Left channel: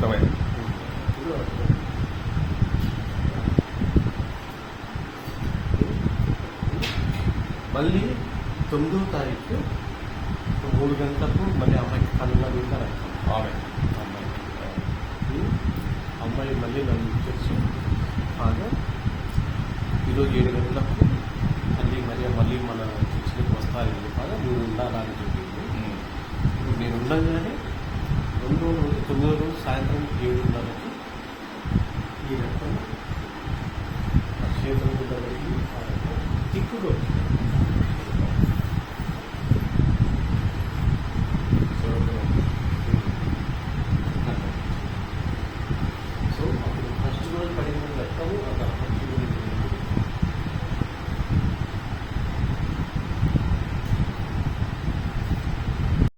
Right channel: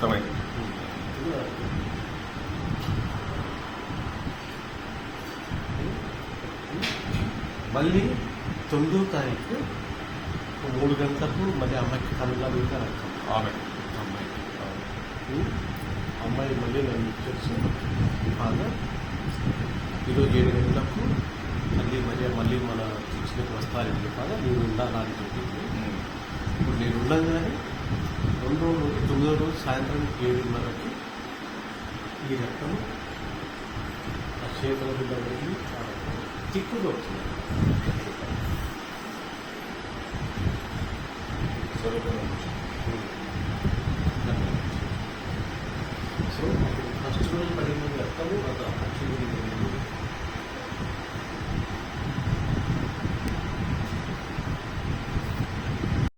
అర్థమైంది. మళ్ళీ 9వ తారీఖు 3 గంటలకు మళ్ళీ అమ్మాయికి కనుగా వెళ్తారంట. ఆమె అమ్మాయి మళ్ళీ నన్ను చెప్తుంది, ఫాదర్ ఈరోజు 7 గంటలకు మళ్ళీ మన శిక్షణకు వస్తారండి ఫాదర్, నువ్వు ఉండాలా అని చెప్పింది. ఇప్పుడు నేను ఉండగానే 2వ రోజు 9వ రోజు సాయంత్రం 7:30కి ఈ రకం ఆ చేతుల మీద వెళ్ళి తిప్పుగా